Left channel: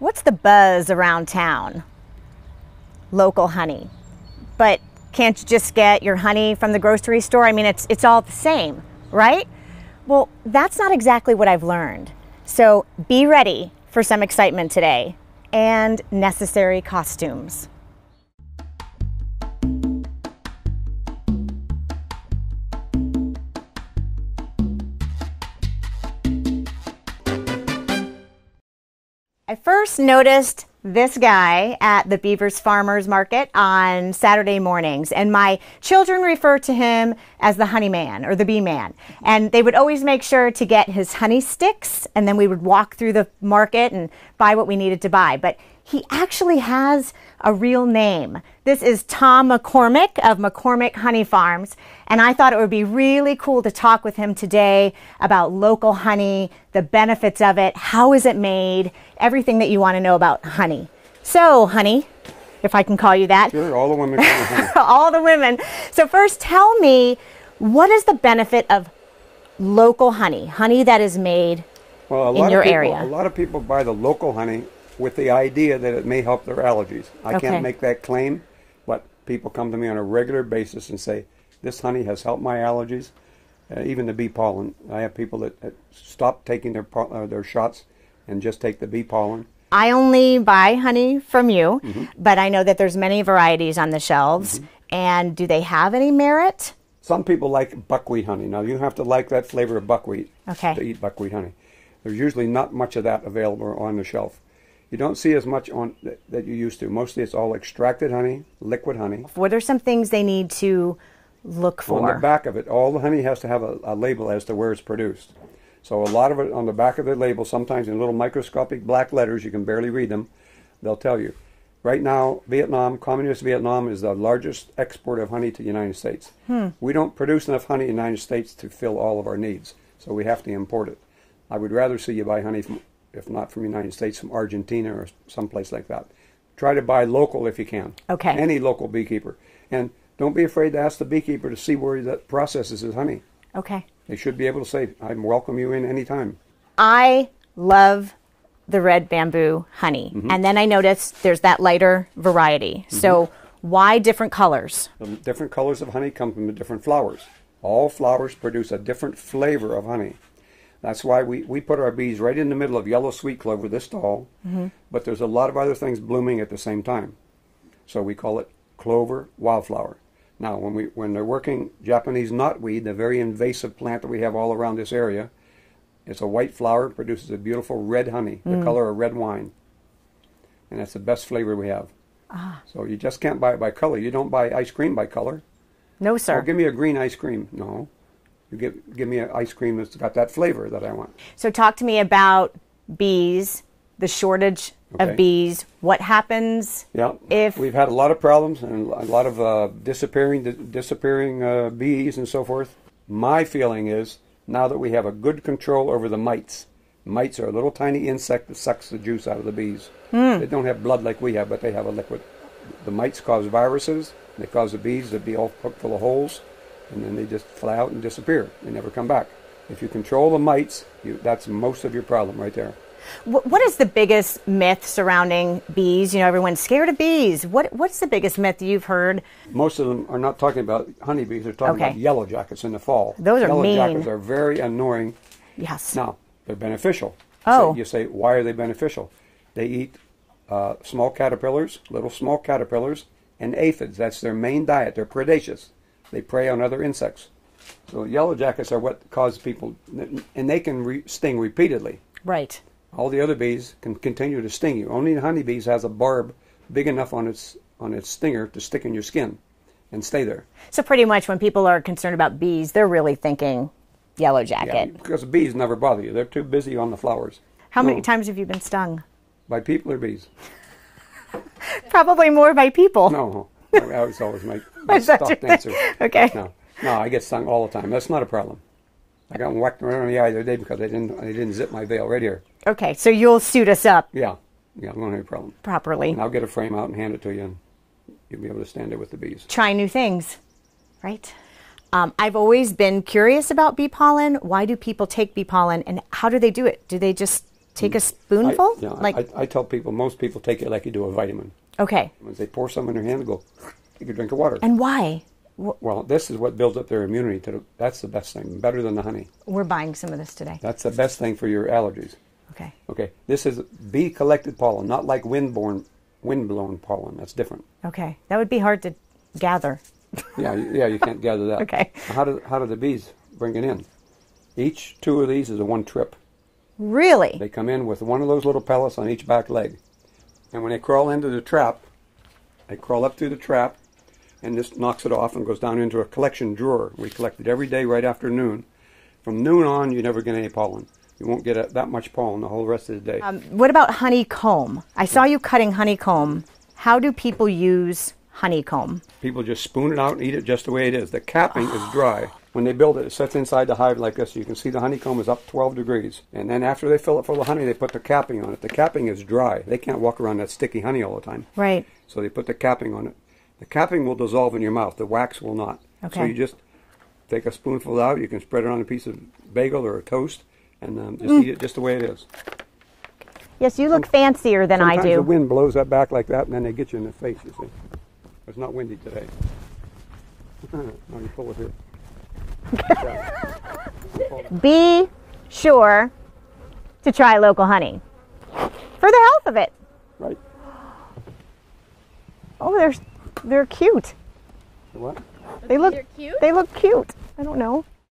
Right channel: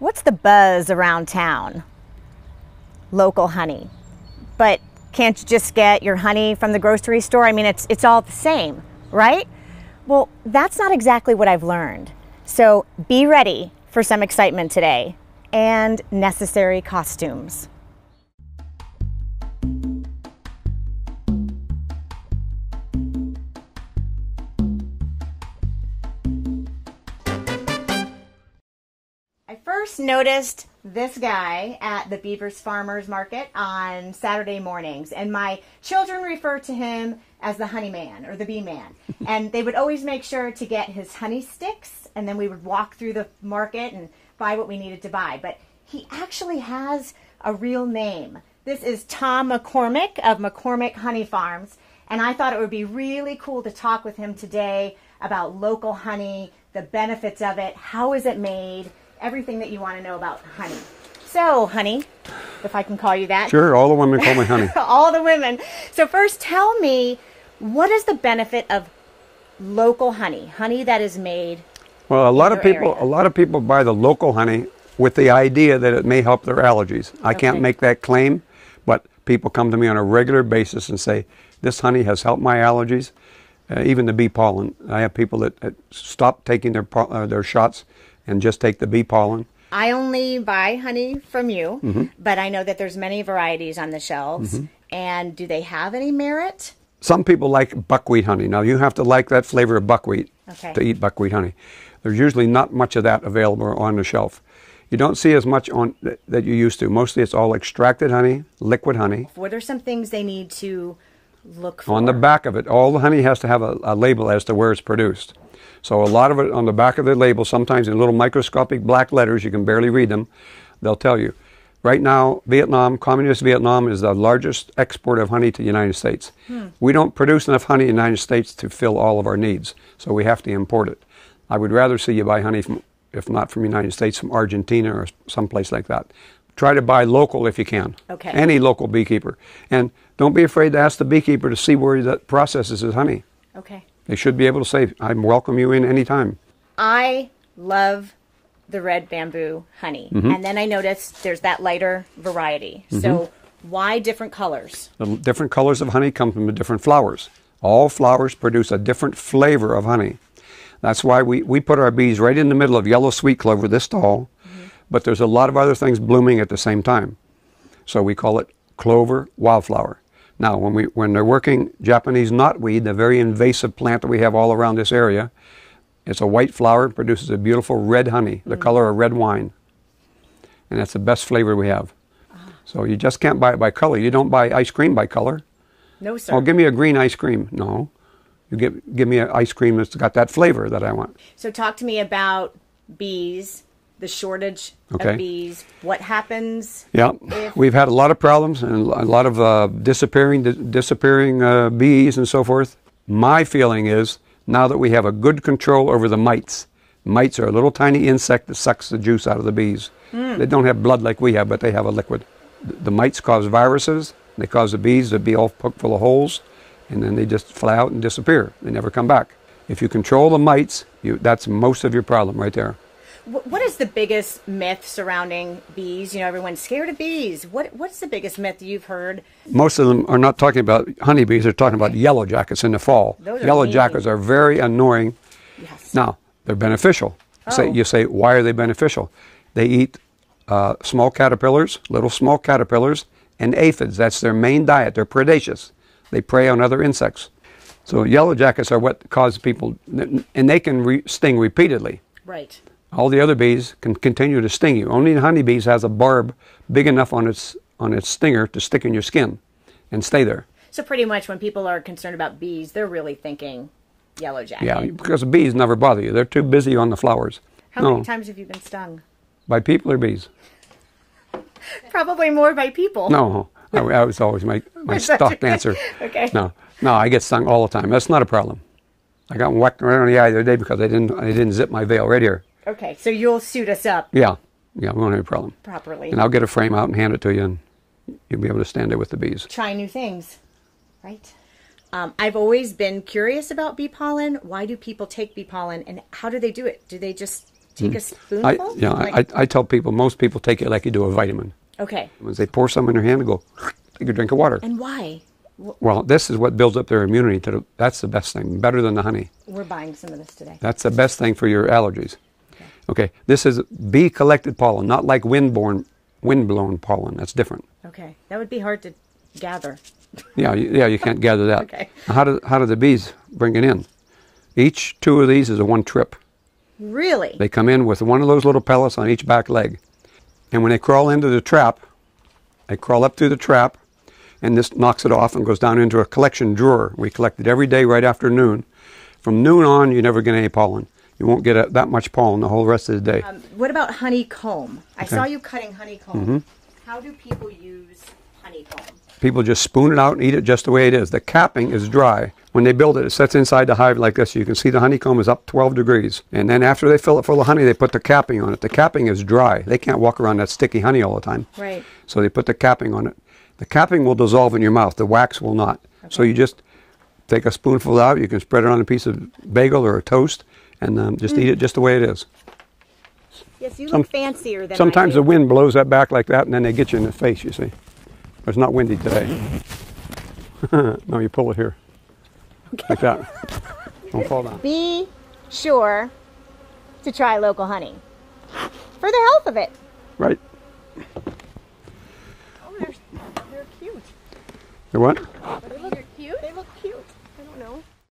What's the buzz around town? Local honey. But can't you just get your honey from the grocery store? I mean, it's all the same, right? Well, that's not exactly what I've learned. So be ready for some excitement today and necessary costumes. I first noticed this guy at the Beavers Farmers Market on Saturday mornings, and my children refer to him as the honey man or the bee man. And they would always make sure to get his honey sticks, and then we would walk through the market and buy what we needed to buy. But he actually has a real name. This is Tom McCormack of McCormack Honey Farms, and I thought it would be really cool to talk with him today about local honey, the benefits of it, how is it made, everything that you want to know about honey. So, honey, if I can call you that. Sure, all the women call me honey. All the women. So first, tell me, what is the benefit of local honey, honey that is made in your area? A lot of people buy the local honey with the idea that it may help their allergies. I can't make that claim, but people come to me on a regular basis and say, this honey has helped my allergies, even the bee pollen. I have people that stop taking their shots and just take the bee pollen. I only buy honey from you, but I know that there's many varieties on the shelves. And do they have any merit? Some people like buckwheat honey. Now, you have to like that flavor of buckwheat to eat buckwheat honey. There's usually not much of that available on the shelf. You don't see as much on that you used to. Mostly it's all extracted honey, liquid honey. What are some things they need to look for? On the back of it, all the honey has to have a label as to where it's produced. So a lot of it on the back of the label, sometimes in little microscopic black letters, you can barely read them, they'll tell you. Right now, Vietnam, communist Vietnam, is the largest exporter of honey to the United States. We don't produce enough honey in the United States to fill all of our needs, so we have to import it. I would rather see you buy honey from, if not from the United States, from Argentina or someplace like that. Try to buy local if you can. Any local beekeeper. And don't be afraid to ask the beekeeper to see where that processes his honey. They should be able to say, I welcome you in anytime. I love the red bamboo honey. And then I noticed there's that lighter variety. So why different colors? The different colors of honey come from the different flowers. All flowers produce a different flavor of honey. That's why we put our bees right in the middle of yellow sweet clover, this tall, but there's a lot of other things blooming at the same time. So we call it clover wildflower. Now, when they're working Japanese knotweed, the very invasive plant that we have all around this area, it's a white flower, produces a beautiful red honey, the color of red wine. And that's the best flavor we have. So you just can't buy it by color. You don't buy ice cream by color. No, sir. Oh, give me a green ice cream. No. You give me an ice cream that's got that flavor that I want. So talk to me about bees, the shortage of bees. What happens if... We've had a lot of problems and a lot of disappearing bees and so forth. My feeling is, now that we have a good control over the mites. Mites are a little tiny insect that sucks the juice out of the bees. They don't have blood like we have, but they have a liquid. The mites cause viruses. They cause the bees to be all poked full of holes, and then they just fly out and disappear. They never come back. If you control the mites, that's most of your problem right there. What is the biggest myth surrounding bees? You know, everyone's scared of bees. What's the biggest myth you've heard? Most of them are not talking about honeybees. They're talking about yellow jackets in the fall. Those are yellow jackets are very annoying. Now, they're beneficial. You say, why are they beneficial? They eat small caterpillars, little small caterpillars, and aphids. That's their main diet. They're predaceous. They prey on other insects. So yellow jackets are what cause people, and they can sting repeatedly. All the other bees can continue to sting you. Only the honeybees has a barb big enough on its stinger to stick in your skin and stay there. So pretty much when people are concerned about bees, they're really thinking yellow jacket. Yeah, because the bees never bother you. They're too busy on the flowers. How many times have you been stung? By people or bees? Probably more by people. No, I was always my stock answer. No, I get stung all the time. That's not a problem. I got whacked right on the eye the other day because I didn't zip my veil right here. So you'll suit us up. Yeah, we won't have a problem. Properly. And I'll get a frame out and hand it to you, and you'll be able to stand there with the bees. Try new things, right? I've always been curious about bee pollen. Why do people take bee pollen, and how do they do it? Do they just take a spoonful? I tell people, most people take it like you do a vitamin. Okay. As they pour some in their hand and go, take a drink of water. And why? Well, this is what builds up their immunity. That's the best thing, better than the honey. We're buying some of this today. That's the best thing for your allergies. Okay. Okay, this is bee-collected pollen, not like wind-blown pollen. That's different. Okay, that would be hard to gather. Yeah, you can't gather that. Okay. How do the bees bring it in? Each 2 of these is a 1 trip. Really? They come in with 1 of those little pellets on each back leg. And when they crawl into the trap, they crawl up through the trap, and this knocks it off and goes down into a collection drawer. We collect it every day right after noon. From noon on, you never get any pollen. You won't get that much pollen the whole rest of the day. What about honeycomb? I saw you cutting honeycomb. How do people use honeycomb? People just spoon it out and eat it just the way it is. The capping is dry. When they build it, it sits inside the hive like this. You can see the honeycomb is up 12 degrees. And then after they fill it full of honey, they put the capping on it. The capping is dry. They can't walk around that sticky honey all the time. Right. So they put the capping on it. The capping will dissolve in your mouth. The wax will not. Okay. So you just take a spoonful out. You can spread it on a piece of bagel or a toast and just eat it just the way it is. Yes, you look fancier than I do. Sometimes the wind blows that back like that, and then they get you in the face, you see. But it's not windy today. No, you pull it here. Like that. Don't fall down. Be sure to try local honey for the health of it. Right. Oh, they're cute. You what? They look cute. I don't know.